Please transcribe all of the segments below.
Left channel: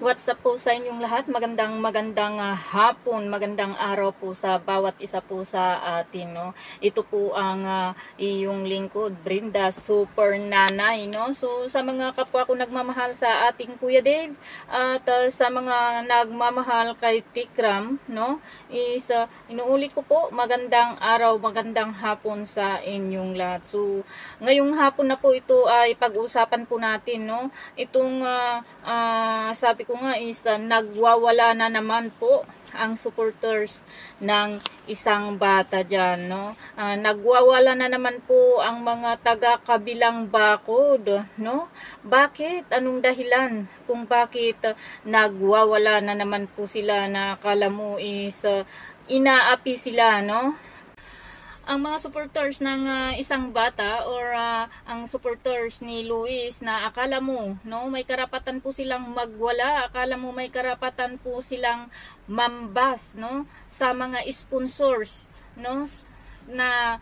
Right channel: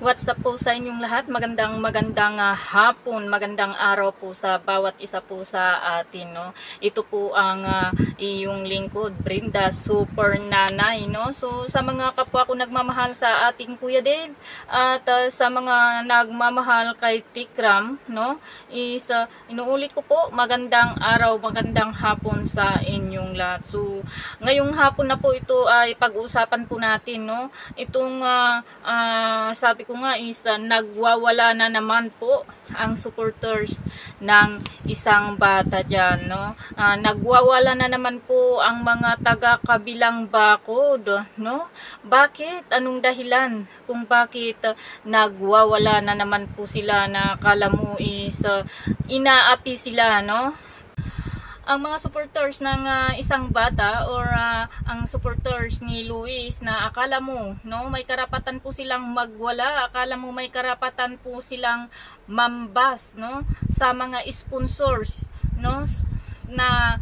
What's up po sa inyong lahat? Magandang hapon, magandang araw po sa bawat isa po sa atin, no. Ito po ang iyong lingkod, Brenda Super Nanay, no. So sa mga kapwa ko nagmamahal sa ating Kuya Dave at sa mga nagmamahal kay Tikram, no, is inuulit ko po, magandang araw, magandang hapon sa inyong lahat. So ngayong hapon na po ito ay pag-uusapan po natin, no. Itong sabi ko nga is nagwawala na naman po ang supporters ng isang bata dyan, no. Nagwawala na naman po ang mga taga-kabilang bakod, no. Bakit? Anong dahilan kung bakit nagwawala na naman po sila na akala mo is inaapi sila, no. Ang mga supporters ng isang bata or ang supporters ni Luis na akala mo, no, may karapatan po silang magwala, akala mo may karapatan po silang mambas, no, sa mga sponsors, no, na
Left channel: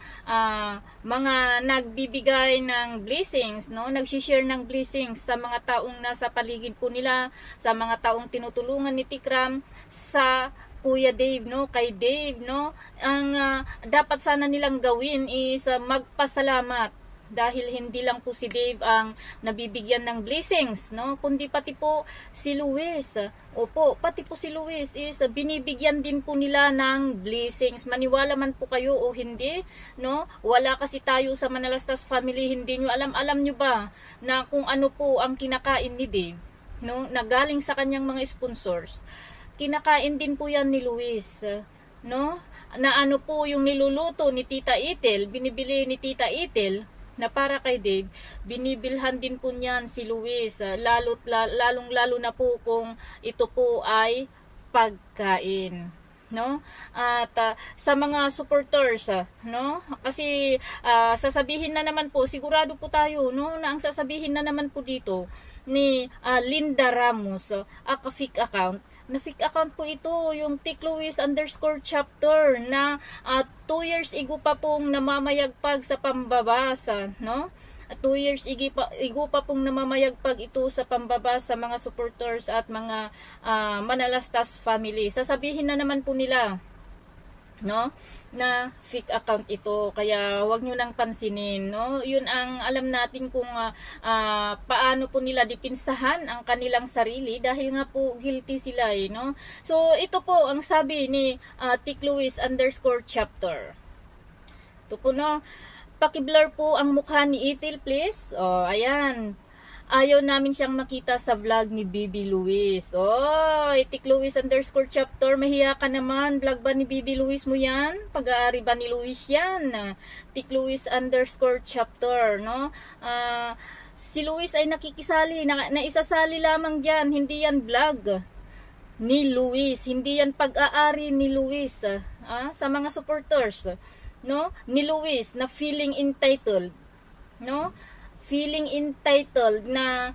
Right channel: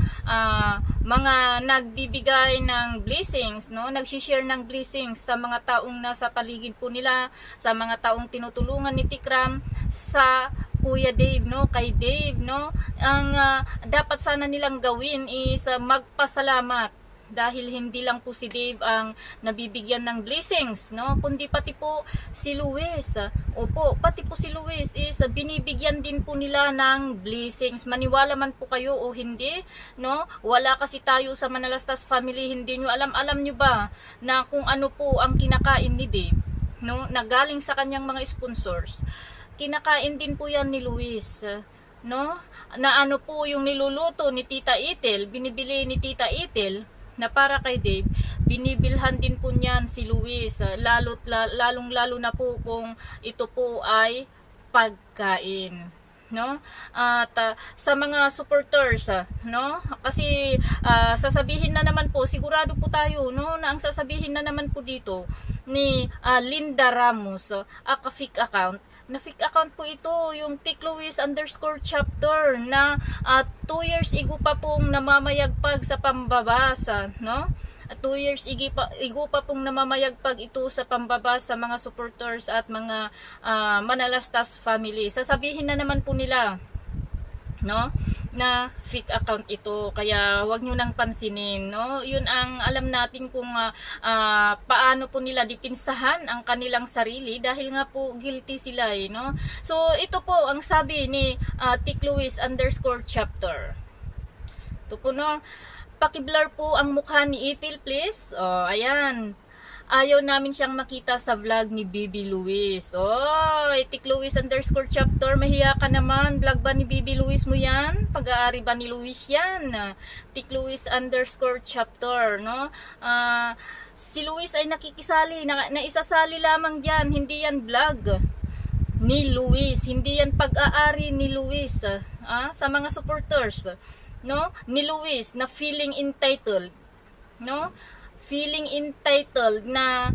mga nagbibigay ng blessings, no, nagsi-share ng blessings sa mga taong nasa paligid po nila, sa mga taong tinutulungan ni Tikram, sa Kuya Dave, no, kay Dave, no. Ang dapat sana nilang gawin is magpasalamat dahil hindi lang po si Dave ang nabibigyan ng blessings, no, kundi pati po si Luis. Opo, pati po si Luis is binibigyan din po nila ng blessings. Maniwala man po kayo o hindi, no, wala kasi tayo sa Manalastas family, hindi nyo alam nyo ba na kung ano po ang kinakain ni Dave, no, na galing sa kanyang mga sponsors. Kinakain din po yan ni Luis, no, na ano po yung niluluto ni Tita Ethel, binibili ni Tita Ethel na para kay Dave, binibilhan din po niyan si Luis, lalong lalo na po kung ito po ay pagkain, no. At sa mga supporters, no, kasi sasabihin na naman po, sigurado po tayo, no, na ang sasabihin na naman po dito ni Linda Ramos, fake account na fake account po ito, yung @Luis_chapter na 2 years ago pa pong namamayagpag sa pambabasa, no. At 2 years ago pa pong namamayagpag ito sa pambabasa sa mga supporters at mga Manalastas family. Sasabihin na naman po nila, no, na fake account ito, kaya wag nyo nang pansinin, no. Yun ang alam natin kung paano po nila dipinsahan ang kanilang sarili dahil nga po guilty sila, no. So ito po ang sabi ni @Luis_chapter. Ito po, no, paki-blur po ang mukha ni Ethel please. Ayan, ayaw namin siyang makita sa vlog ni Bibi Luis. @Luis_chapter, mahiya ka naman. Vlog ba ni Bibi Luis mo yan? Pag-aari ba ni Luis yan? @Luis_chapter, no. Si Luis ay nakikisali, naisasali lamang dyan. Hindi yan vlog ni Luis, hindi yan pag-aari ni Luis sa mga supporters, no, ni Luis na feeling entitled, no, feeling entitled na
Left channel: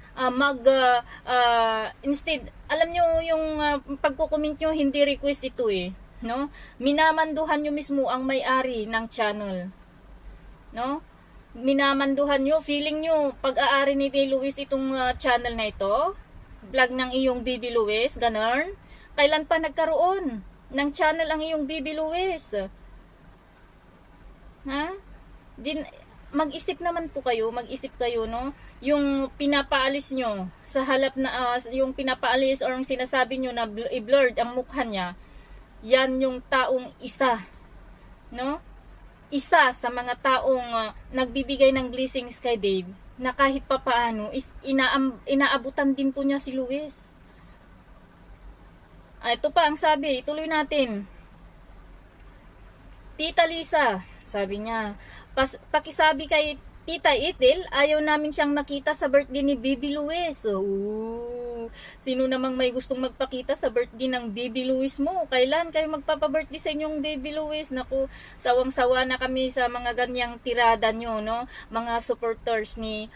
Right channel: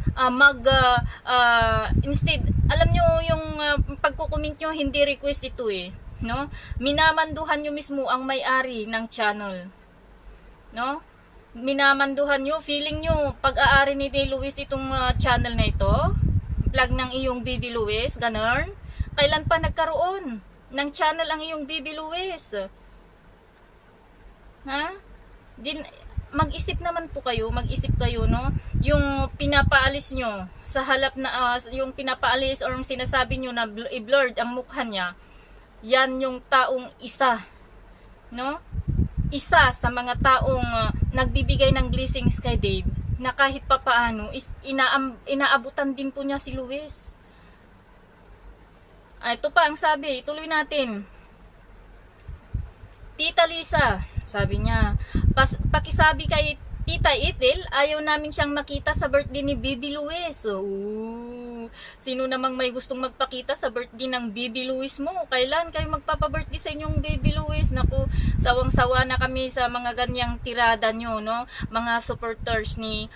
instead, alam nyo yung pagko-comment nyo, hindi request ito no, minamanduhan nyo mismo ang may-ari ng channel, no, minamanduhan nyo, feeling nyo pag-aari ni Luis itong channel na ito, vlog ng iyong Bibi Luis, ganun. Kailan pa nagkaroon ng channel ang iyong Bibi Luis? Mag-isip naman po kayo, mag-isip kayo, no, yung pinapaalis nyo sa halap na yung pinapaalis or yung sinasabi nyo na i-blurred ang mukha niya, yan yung taong isa, no, isa sa mga taong nagbibigay ng blessings kay Dave, na kahit pa paano is inaabutan din po niya si Luis. Ito pa ang sabi, tuloy natin. Tita Lisa, sabi niya, pakisabi kay Tita Ethel, ayaw namin siyang makita sa birthday ni Bibi Luis. Sino namang may gustong magpakita sa birthday ng Bibi Luis mo? Kailan kayo magpapa-birthday sa inyong Bibi Luis? Naku, sawang-sawa na kami sa mga ganyang tirada nyo, no, mga supporters ni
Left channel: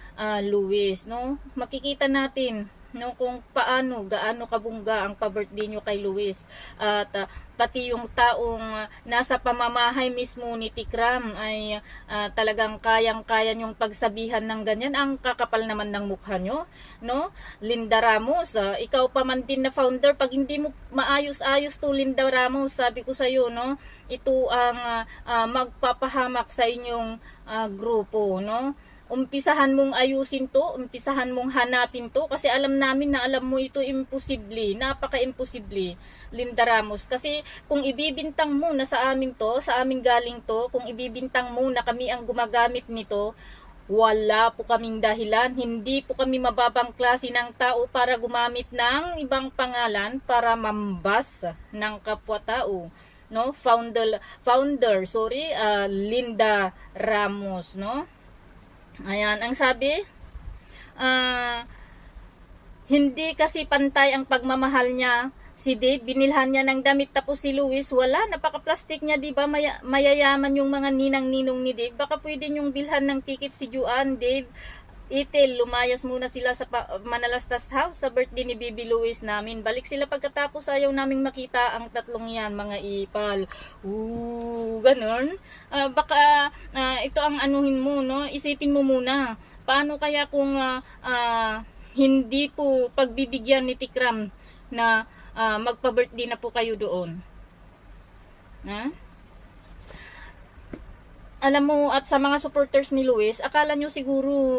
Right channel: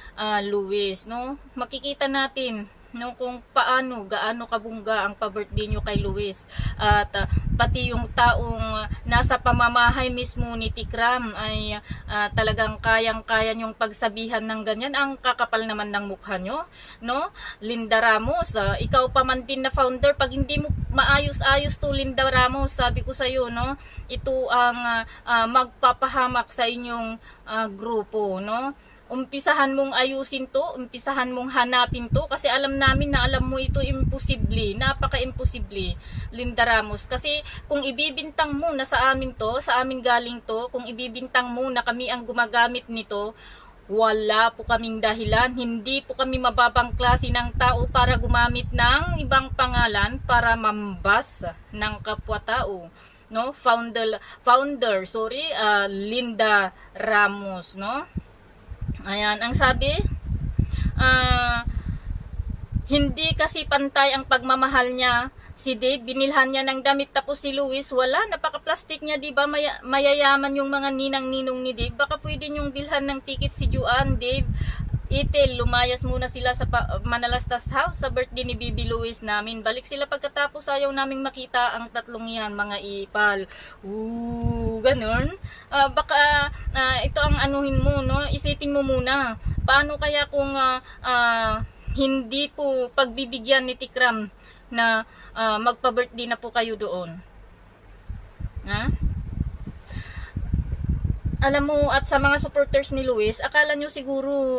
Luis, no. Makikita natin, no, kung gaano kabungga ang pa-birthday nyo kay Luis. At pati yung taong nasa pamamahay mismo ni Tikram ay talagang kayang-kaya nyong pagsabihan ng ganyan. Ang kakapal naman ng mukha nyo, no? Linda Ramos, ikaw pa man din na founder, pag hindi mo maayos-ayos to Linda Ramos, sabi ko sa iyo, no, ito ang magpapahamak sa inyong grupo, no? Umpisahan mong ayusin to, umpisahan mong hanapin to, kasi alam namin na alam mo ito imposible, napaka-imposible, Linda Ramos. Kasi kung ibibintang mo na sa amin to, sa amin galing to, kung ibibintang mo na kami ang gumagamit nito, wala po kaming dahilan, hindi po kami mababang klase ng tao para gumamit ng ibang pangalan para mambas ng kapwa-tao, no? Linda Ramos, no? Ayan, ang sabi, hindi kasi pantay ang pagmamahal niya. Si Dave, binilhan niya ng damit, tapos si Luis, wala, napaka-plastic niya, diba? Mayayaman yung mga ninang-ninong ni Dave. Baka pwede niyong bilhan ng ticket si Juan, Dave. Itil, lumayas muna sila sa Manalastas House sa birthday ni Baby Luis namin. Balik sila pagkatapos, ayaw naming makita ang tatlong yan, mga ipal. Ganon. Baka ito ang anuhin mo, no? Isipin mo muna. Paano kaya kung hindi po pagbibigyan ni Tikram na magpa-birthday na po kayo doon? Ha? Alam mo, at sa mga supporters ni Luis, akala nyo siguro,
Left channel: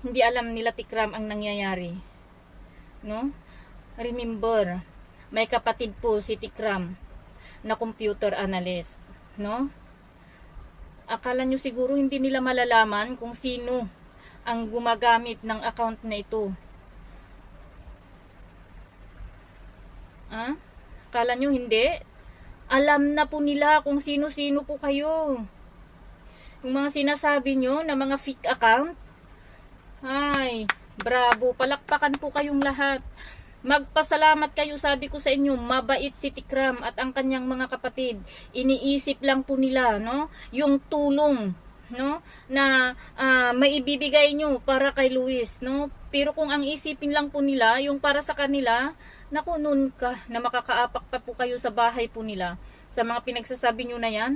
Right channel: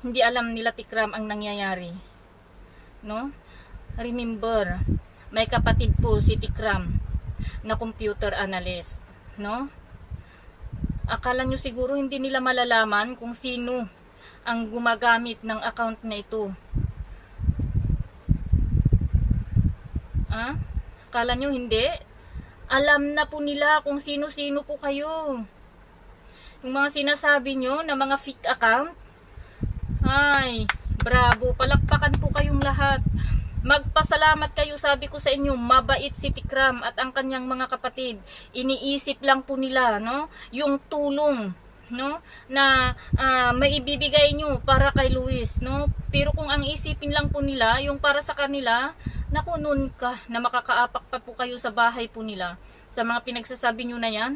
hindi alam nila Tikram ang nangyayari. No? Remember, may kapatid po si Tikram na computer analyst. No? Akala nyo siguro hindi nila malalaman kung sino ang gumagamit ng account na ito. Akala nyo hindi? Alam na po nila kung sino-sino po kayo. Yung mga sinasabi nyo na mga fake account, ay, bravo, palakpakan po kayong lahat. Magpasalamat kayo, sabi ko sa inyo, mabait si Tikram at ang kanyang mga kapatid. Iniisip lang po nila, no, yung tulong, no, na maibibigay nyo para kay Luis, no. Pero kung ang isipin lang po nila yung para sa kanila, naku, nun ka na makakaapak pa po kayo sa bahay po nila sa mga pinagsasabi nyo na yan.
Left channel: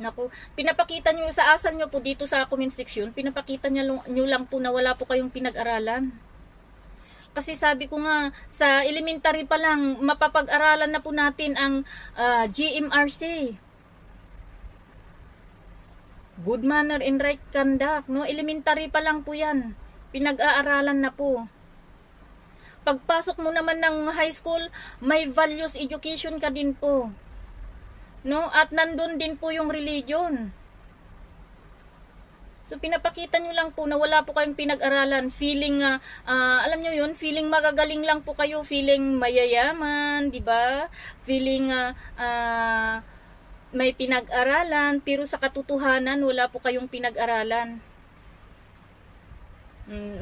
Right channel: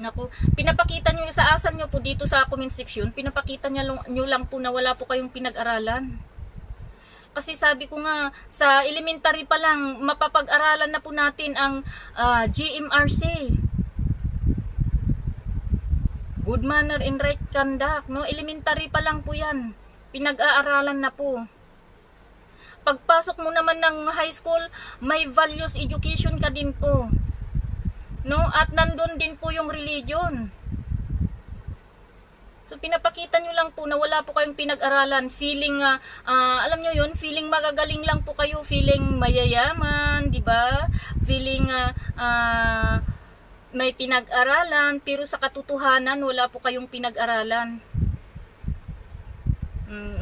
Naku, pinapakita nyo sa asal nyo po dito sa comment section, pinapakita nyo lang po na wala po kayong pinag-aralan. Kasi sabi ko nga, sa elementary pa lang, mapapag-aralan na po natin ang GMRC. Good manner and right conduct, no? Elementary pa lang po yan. Pinag-aaralan na po. Pagpasok mo naman ng high school, may values education ka din po. No? At nandun din po yung religion. So pinapakita nyo lang po na wala po kayong pinag-aralan. Feeling, alam nyo yun, feeling magagaling lang po kayo, feeling mayayaman, di ba? Feeling may pinag-aralan, pero sa katotohanan, wala po kayong pinag-aralan.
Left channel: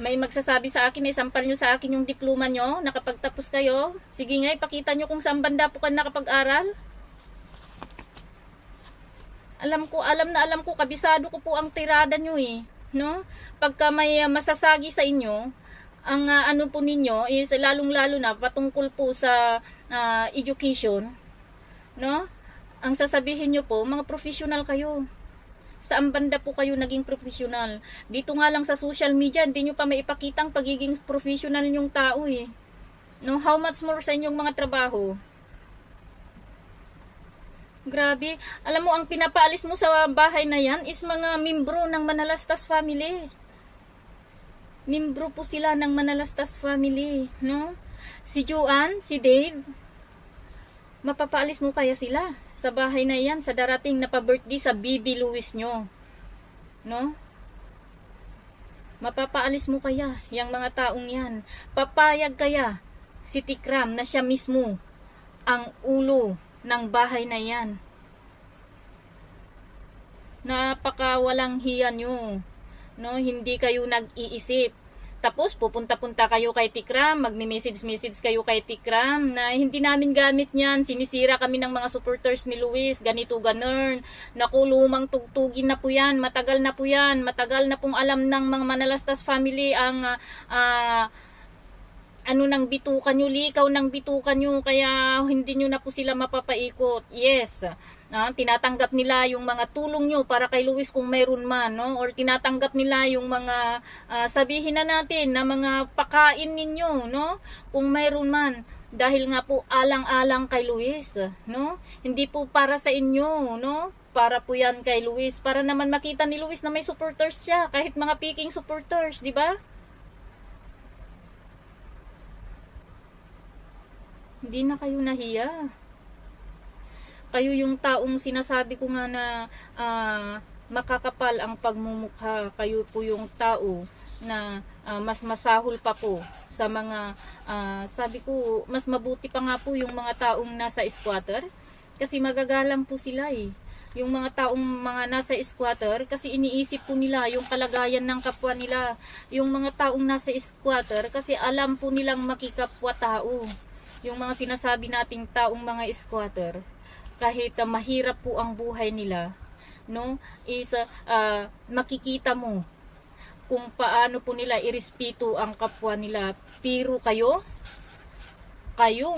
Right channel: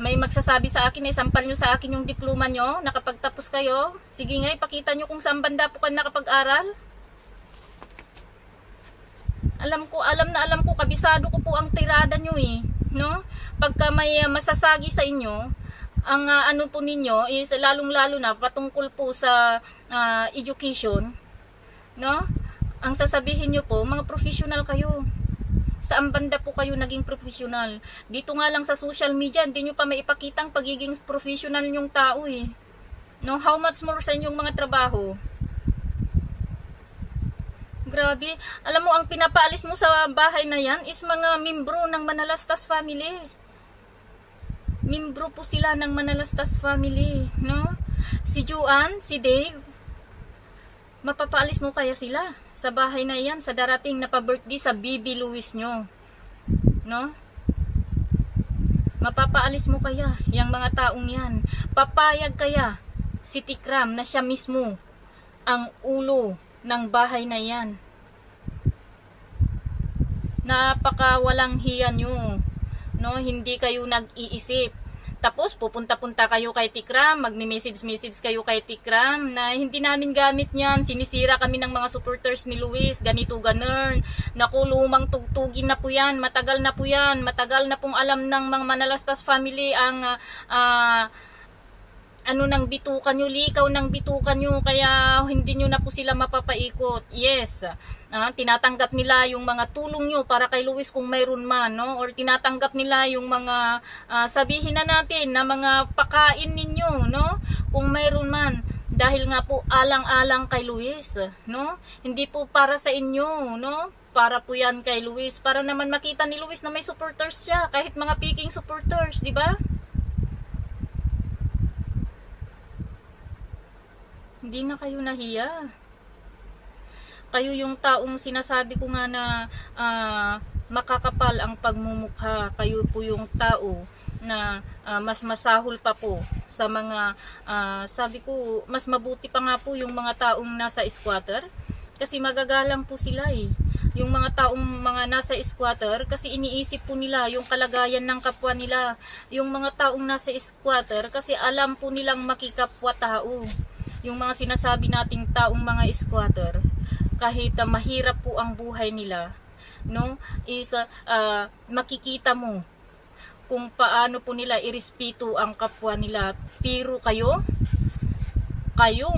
May magsasabi sa akin, sampal nyo sa akin yung diploma nyo, nakapagtapos kayo. Sige nga, ipakita nyo kung saan banda po kayo nakapag-aral. Alam ko, kabisado ko po ang tirada nyo eh. No? Pagka may masasagi sa inyo, ang ano po ninyo is lalong-lalo na patungkol po sa education. No? Ang sasabihin nyo po, mga professional kayo. Saan banda po kayo naging professional? Dito nga lang sa social media, hindi nyo pa maipakita ang pagiging professional nyong tao eh. No? How much more sa inyong mga trabaho? Grabe. Alam mo, ang pinapaalis mo sa bahay na yan is mga membro ng Manalastas family. Membro po sila ng Manalastas family. No? Si Juan, si Dave, mapapaalis mo kaya sila sa bahay na yan sa darating na pa-birthday sa Baby Luis nyo? No? Mapapaalis mo kaya yung mga taong yan? Papayag kaya si Tikram na siya mismo ang ulo ng bahay na yan? Napaka walang hiya nyo. No? Hindi kayo nag-iisip. Tapos pupunta-punta kayo kay Tikram, magme-message kayo kay Tikram na hindi namin gamit yan, sinisira kami ng mga supporters ni Luis, ganito ganern. Naku, lumang tugtugin na po yan, matagal na po yan, matagal na pong alam ng mga Manalastas family ang ano ng bitukan nyo, likaw ng bitukan nyo, kaya hindi nyo na po sila mapapaikot. Yes, tinatanggap nila yung mga tulong nyo para kay Luis kung mayroon man, no? Or tinatanggap nila yung mga sabihin na natin na mga pakain ninyo, no? Kung mayroon man, dahil nga po alang-alang kay Luis, no? Hindi po para sa inyo, no? Para po yan kay Luis, para naman makita ni Luis na may supporters siya, kahit mga peking supporters, di ba? Hindi na kayo nahiya. Kayo yung taong sinasabi ko nga na makakapal ang pagmumukha. Kayo po yung tao na mas masahol pa po sa mga sabi ko, mas mabuti pa nga po yung mga taong nasa squatter kasi magagalang po sila eh. Yung mga taong mga nasa squatter kasi iniisip po nila yung kalagayan ng kapwa nila. Yung mga taong nasa squatter kasi alam po nilang makikapwa tao. Yung mga sinasabi nating taong mga squatter, kahit mahirap po ang buhay nila, no, is makikita mo kung paano po nila irespeto ang kapwa nila. Pero kayong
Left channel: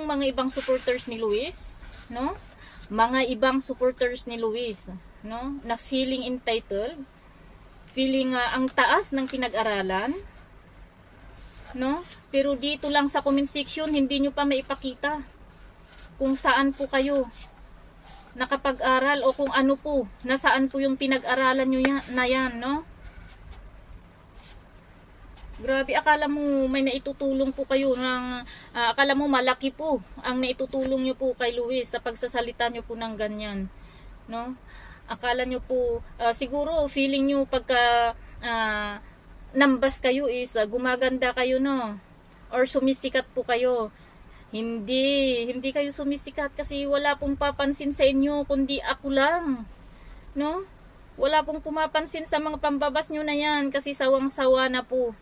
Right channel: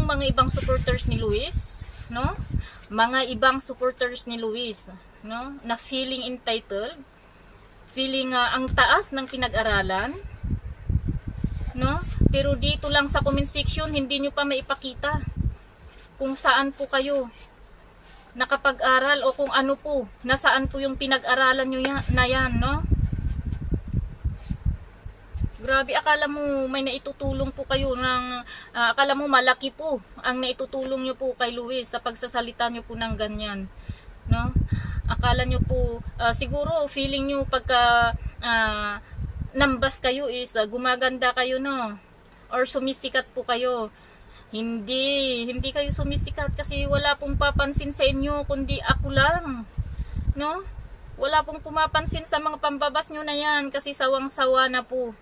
mga ibang supporters ni Luis, no, mga ibang supporters ni Luis, no, na feeling entitled, feeling ang taas ng pinag-aralan, no? Pero dito lang sa comment section, hindi nyo pa maipakita kung saan po kayo nakapag-aral o kung ano po, nasaan po yung pinag-aralan nyo na yan, no? Grabe, akala mo may naitutulong po kayo akala mo malaki po ang naitutulong nyo po kay Luis sa pagsasalita nyo po ng ganyan, no? Akala nyo po, siguro feeling nyo pagka nambas kayo is gumaganda kayo, no? Or sumisikat po kayo. Hindi kayo sumisikat kasi wala pong papansin sa inyo kundi ako lang, no? Wala pong pumapansin sa mga pambabas nyo na yan kasi sawang-sawa na po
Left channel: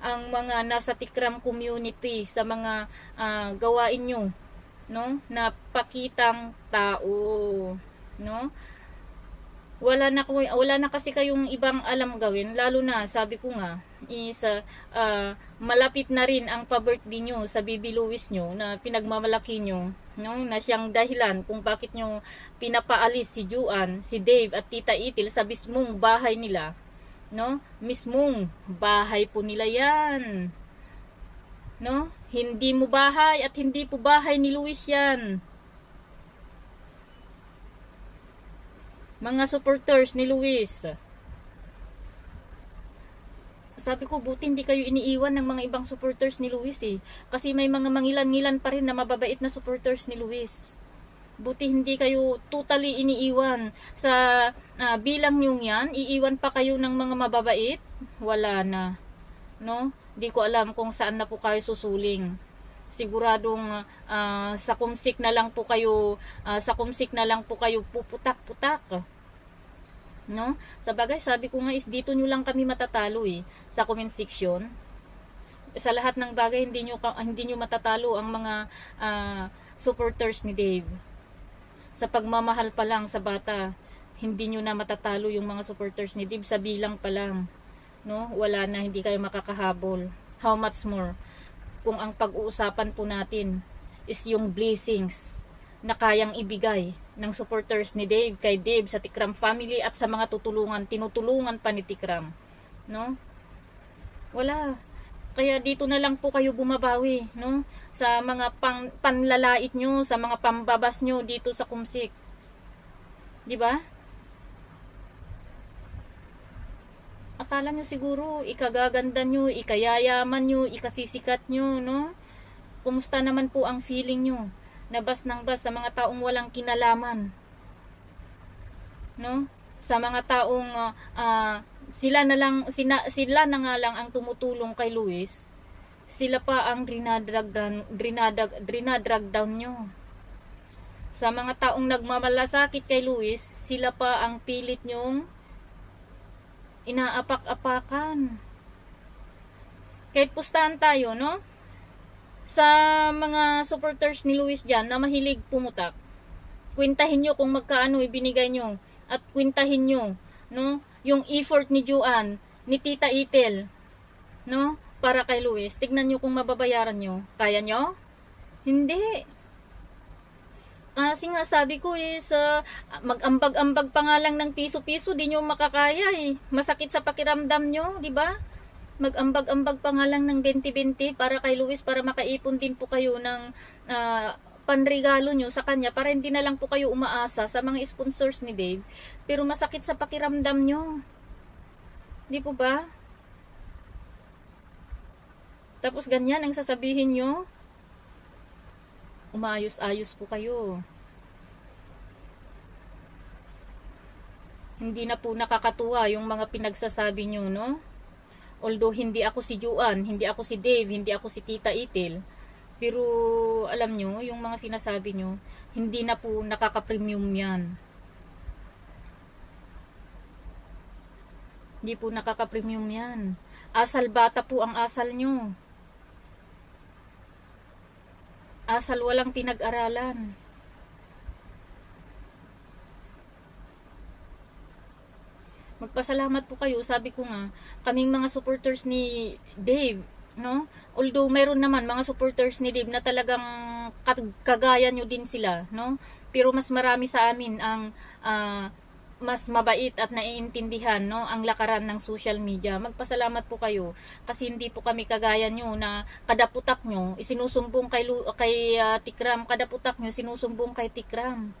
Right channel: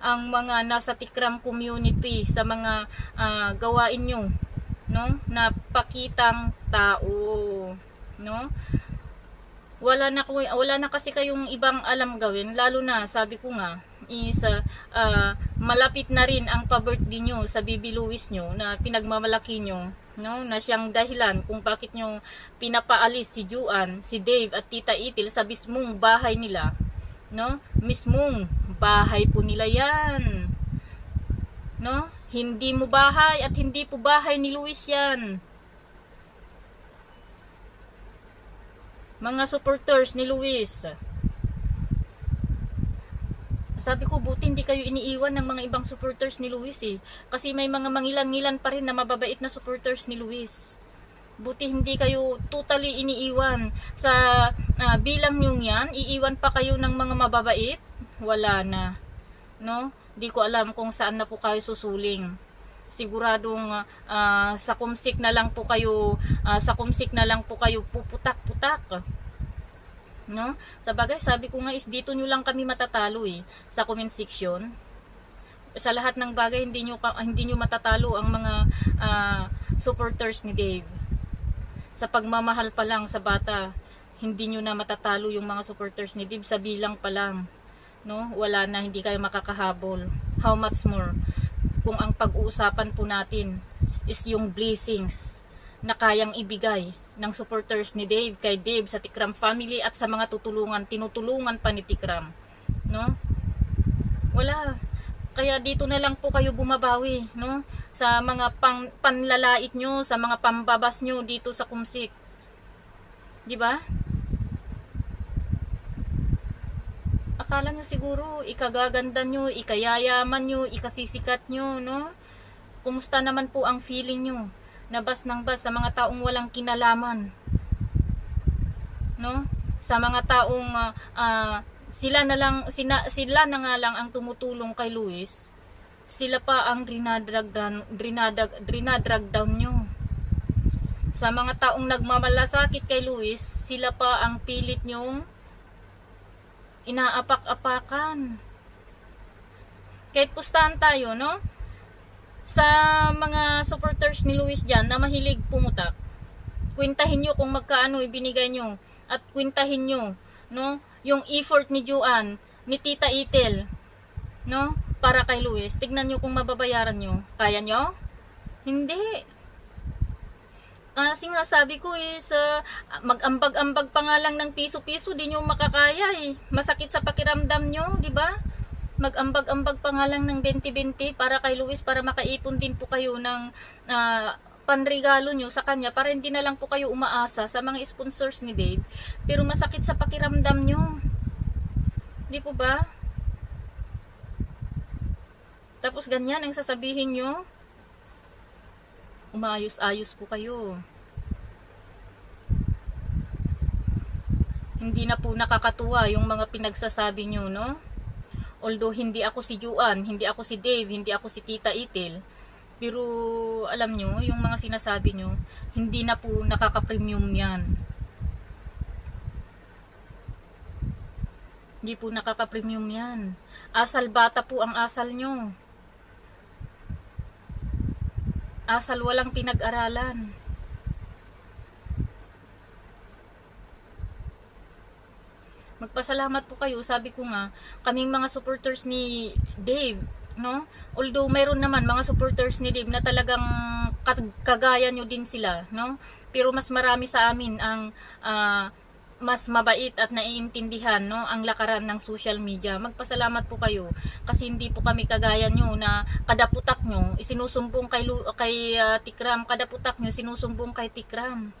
ang mga nasa Tikram community sa mga gawain nyo, no? Na pakitang tao, no? Wala na kasi kayong ibang alam gawin, lalo na sabi ko nga is malapit na rin ang pa-birthday nyo sa Baby Luis nyo na pinagmamalaki nyo, no? Na siyang dahilan kung bakit nyo pinapaalis si Juan, si Dave at Tita Itil sa mismong bahay nila, no? Mismong bahay po nila yan, no? Hindi mo bahay at hindi po bahay ni Luis yan. Mga supporters ni Luis, sabi ko, buti hindi kayo iniiwan ng mga ibang supporters ni Luis eh. Kasi may mga mangilan-ngilan pa rin na mababait na supporters ni Luis. Buti hindi kayo totally iniiwan. Sa bilang yung yan, iiwan pa kayo ng mga mababait? Wala na, no? Di ko alam kung saan na po kayo susuling. Siguradong sa kumsik na lang po kayo puputak-putak, no? Sa bagay, sabi ko nga is dito nyo lang kami matatalo eh, sa comment section. Sa lahat ng bagay hindi nyo matatalo ang mga supporters ni Dave. Sa pagmamahal pa lang sa bata, hindi nyo na matatalo yung mga supporters ni Dave sa bilang pa lang, no? Wala na, hindi kayo makakahabol. How much more kung ang pag-uusapan po natin is yung blessings na kayang ibigay ng supporters ni Dave kay Dave sa Tikram family at sa mga tinutulungan pa ni Tikram, no? Wala. Kaya dito na lang po kayo bumabawi, no? Sa mga panlalait nyo, sa mga pambabas nyo dito sa kumsik. Di ba? Akala nyo siguro ikagaganda nyo, ikayayaman nyo, ikasisikat nyo, no? Kumusta naman po ang feeling nyo? Nabas ng bas sa mga taong walang kinalaman, no? Sa mga taong sila na nga lang ang tumutulong kay Luis, sila pa ang drinadrag down nyo. Sa mga taong nagmamalasakit kay Luis, sila pa ang pilit nyong inaapak-apakan. Kahit pustahan tayo, no? Sa mga supporters ni Luis dyan na mahilig pumutak, kwentahin nyo kung magkaano ibinigay nyo. At kwentahin nyo, no? Yung effort ni Juan, ni Tita Itel, no? Para kay Luis. Tignan nyo kung mababayaran nyo. Kaya nyo? Hindi. Kasi nga sabi ko is mag-ambag-ambag pa nga lang ng piso-piso, di nyo makakaya eh. Masakit sa pakiramdam nyo, di ba? Mag-ambag-ambag pa nga lang ng 20-20 para kay Luis, para makaipon din po kayo ng panregalo nyo sa kanya, para hindi na lang po kayo umaasa sa mga sponsors ni Dave. Pero masakit sa pakiramdam nyo. Di po ba? Tapos ganyan ang sasabihin nyo. Umayos-ayos po kayo. Hindi na po nakakatuwa yung mga pinagsasabi nyo, no? Although hindi ako si Juan, hindi ako si Dave, hindi ako si Tita Itel, pero alam nyo, yung mga sinasabi nyo, hindi na po nakaka-premium yan. Hindi po nakaka-premium yan. Asal bata po ang asal nyo. Asal walang pinag-aralan. Magpasalamat po kayo. Sabi ko nga, kaming mga supporters ni Dave, no? Although mayroon naman mga supporters ni Dave na talagang kagaya nyo din sila, no? Pero mas marami sa amin ang mas mabait at naiintindihan, no, ang lakaran ng social media. Magpasalamat po kayo kasi hindi po kami kagaya nyo na kadaputak nyo isinusumbong kay Tikram, kadaputak nyo sinusumbong kay Tikram,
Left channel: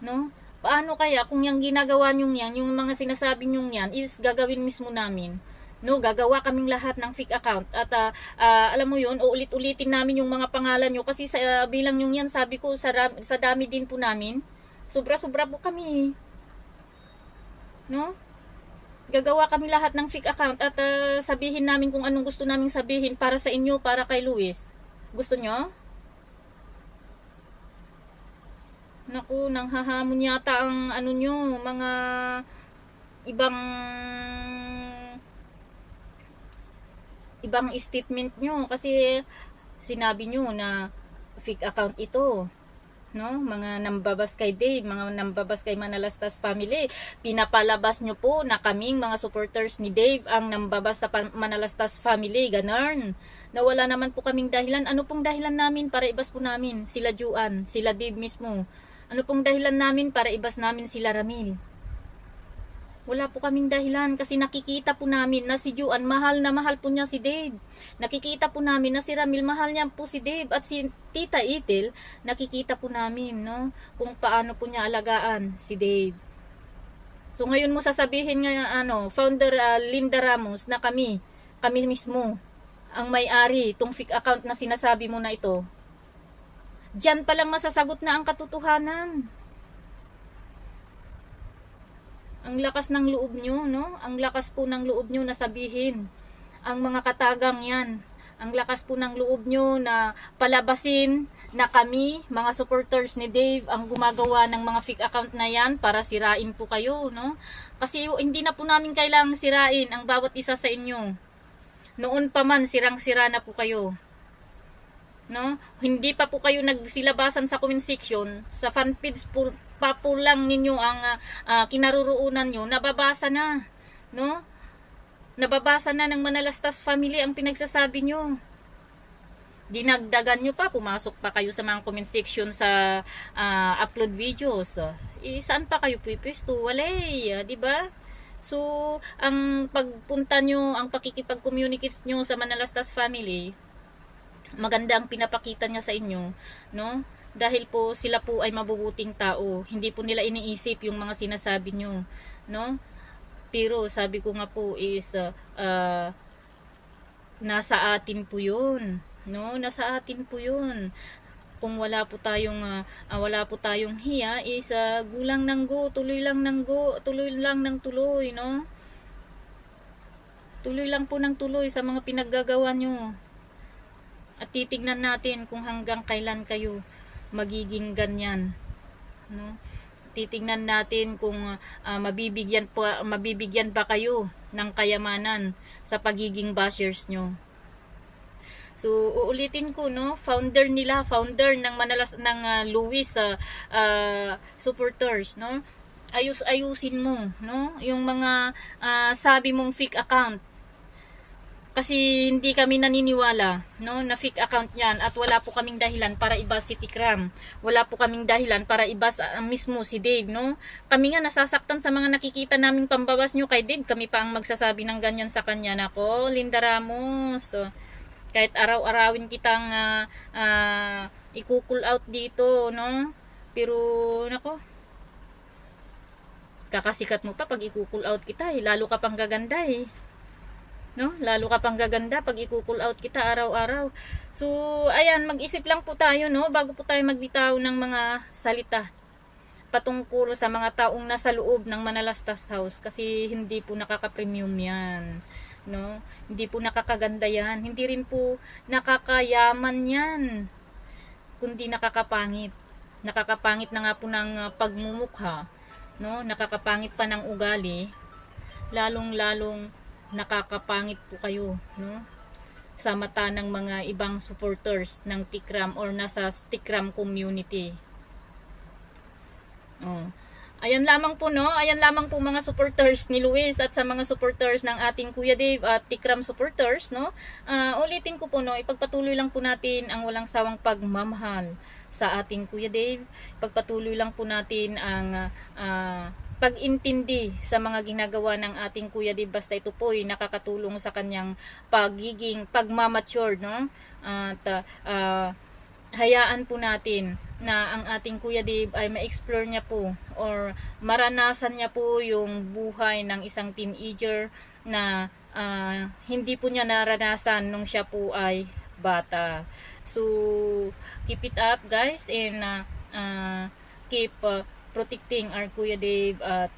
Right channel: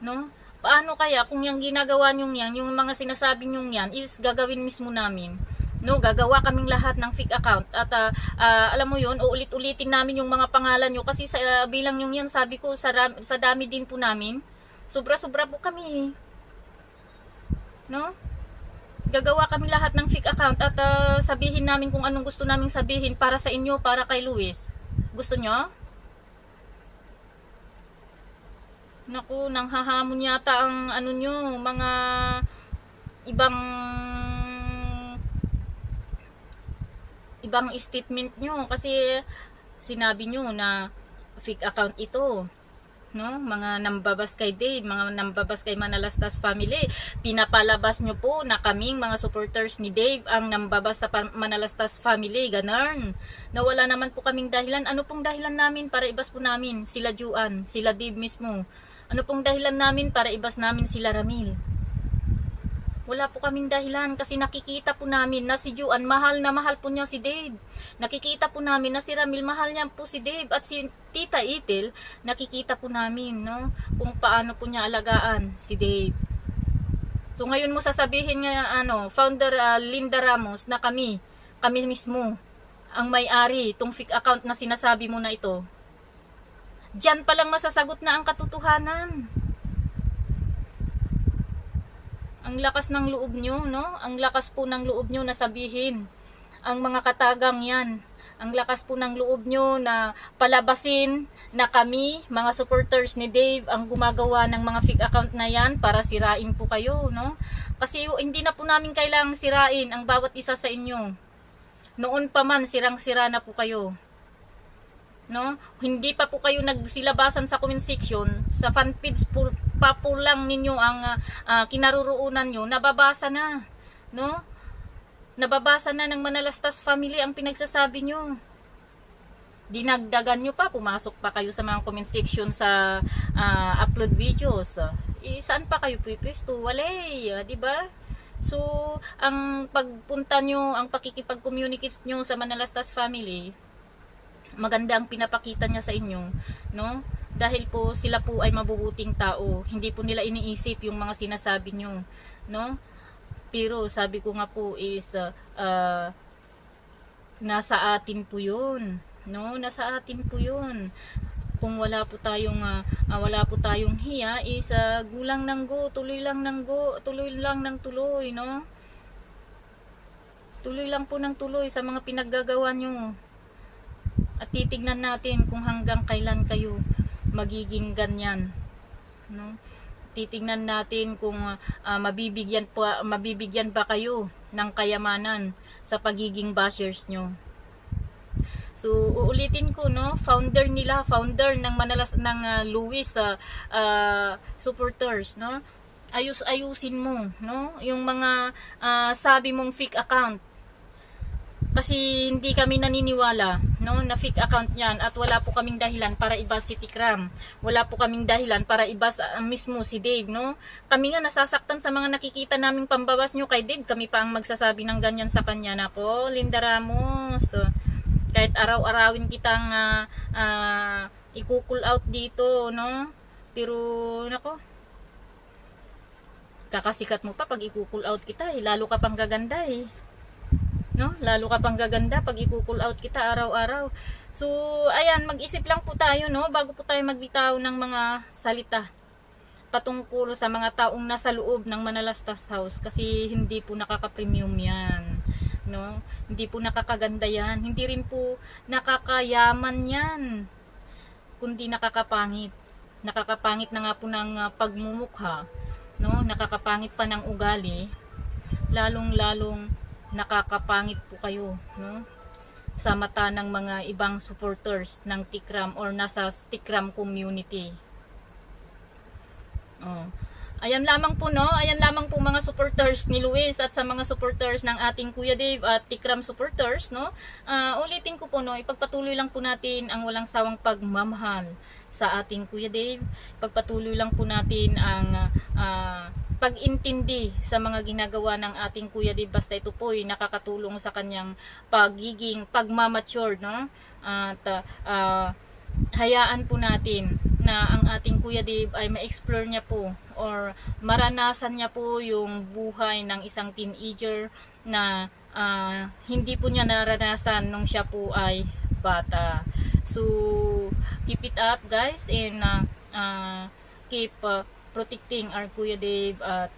no? Paano kaya kung yung ginagawa nyo yan, yung mga sinasabi nyo yan is gagawin mismo namin, no? Gagawa kaming lahat ng fake account at alam mo yun, uulit-ulitin namin yung mga pangalan nyo kasi sa bilang nyo yan, sabi ko sa dami din po namin, sobra-sobra po kami, no? Gagawa kami lahat ng fake account at sabihin namin kung anong gusto naming sabihin para sa inyo, para kay Luis. Gusto nyo? Naku, nanghahamon yata ang ano nyo, mga ibang statement nyo kasi sinabi nyo na fake account ito, no? Mga nambabas kay Dave, mga nambabas kay Manalastas family. Pinapalabas nyo po na kaming mga supporters ni Dave ang nambabas sa Manalastas family, ganun. Nawala naman po kaming dahilan. Ano pong dahilan namin para ibas po namin sila Juan, sila Dave mismo? Ano pong dahilan namin para ibas namin sila Ramil? Wala po kaming dahilan kasi nakikita po namin na si Juan mahal na mahal po niya si Dave. Nakikita po namin na si Ramil mahal niya po si Dave, at si Tita Itel nakikita po namin, no, kung paano po niya alagaan si Dave. So ngayon mo sasabihin nga founder Linda Ramos na kami mismo ang may-ari tong fake account na sinasabi mo na ito. Diyan pa lang masasagot na ang katotohanan. Ang lakas ng loob nyo, no? Ang lakas po ng loob nyo na sabihin ang mga katagang yan. Ang lakas po ng loob nyo na palabasin na kami, mga supporters ni Dave, ang gumagawa ng mga fake account na yan para sirain po kayo, no? Kasi hindi na po namin kailangang sirain ang bawat isa sa inyo. Noon pa man, sirang-sira na po kayo. No? Hindi pa po kayo nagsilabasan sa comment section, sa fanpage pa po lang ninyo ang kinaroroonan nyo, nababasa na, no? Nababasa na ng Manalastas family ang pinagsasabi nyo. Dinagdagan nyo pa, pumasok pa kayo sa mga comment section sa upload videos. Saan pa kayo pipwesto? Walay, di ba? So, ang pagpunta nyo, ang pakikipag-communicate nyo sa Manalastas family, maganda ang pinapakita niya sa inyo, no? Dahil po sila po ay mabubuting tao, hindi po nila iniisip yung mga sinasabi nyo, no? Pero sabi ko nga po is nasa atin po yun, no? Nasa atin po yun. Kung wala po tayong hiya is gulang ng go, tuloy lang ng tuloy, no? Tuloy lang po ng tuloy sa mga pinaggagawa nyo. At titignan natin kung hanggang kailan kayo magiging ganyan, no? Titignan natin kung mabibigyan ba kayo ng kayamanan sa pagiging bashers nyo. So uulitin ko, no, founder ng Manalas ng Luis supporters, no, ayusin mo, no, yung mga sabi mong fake account. Kasi hindi kami naniniwala, no, na fake account yan, at wala po kaming dahilan para ibas si Tikram. Wala po kaming dahilan para ibas mismo si Dave, no. Kami nga nasasaktan sa mga nakikita naming pambabas nyo kay Dave. Kami pa ang magsasabi ng ganyan sa kanya. Nako, Linda Ramos, kahit araw-arawin kitang i-cool out dito, no. Pero nako, kakasikat mo pa pag i-cool out kita, lalo ka pang gaganda no, lalo ka pang gaganda pag i-cool out kita araw-araw. So ayan, mag-isip lang po tayo, no, bago po tayo magbitaw ng mga salita patungkol sa mga taong nasa loob ng Manalastas House, kasi hindi po nakaka-premium yan, no, hindi po nakakaganda yan, hindi rin po nakakayaman yan, kundi nakakapangit na nga po ng pagmumukha, no, nakakapangit pa ng ugali, lalong nakakapangit po kayo, no, sa mata ng mga ibang supporters ng Tikram or nasa Tikram community. Ayan lamang po, no, ayan lamang po mga supporters ni Luis at sa mga supporters ng ating Kuya Dave at Tikram supporters, no. Ulitin ko po, no, ipagpatuloy lang po natin ang walang sawang pagmamahal sa ating Kuya Dave. Ipagpatuloy lang po natin ang pag-intindi sa mga ginagawa ng ating Kuya Dave, basta ito po ay nakakatulong sa kanyang pagiging pagmamature, no? At hayaan po natin na ang ating Kuya Dave ay ma-explore niya po or maranasan niya po yung buhay ng isang teenager na hindi po niya naranasan nung siya po ay bata. So keep it up, guys, and keep protecting our Kuya Dave, at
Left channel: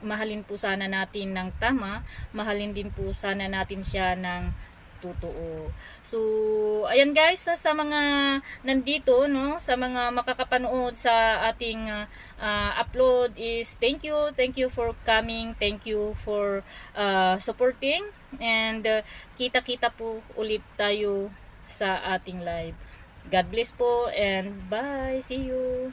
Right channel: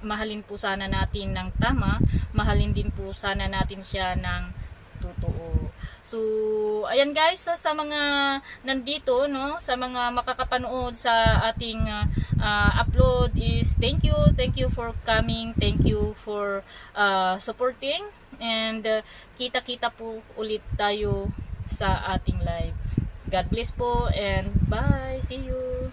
mahalin po sana natin ng tama, mahalin din po sana natin siya ng totoo. So ayan guys, sa mga nandito, no, sa mga makakapanood sa ating upload is thank you for coming, thank you for supporting, and kita-kita po ulit tayo sa ating live. God bless po and bye, see you.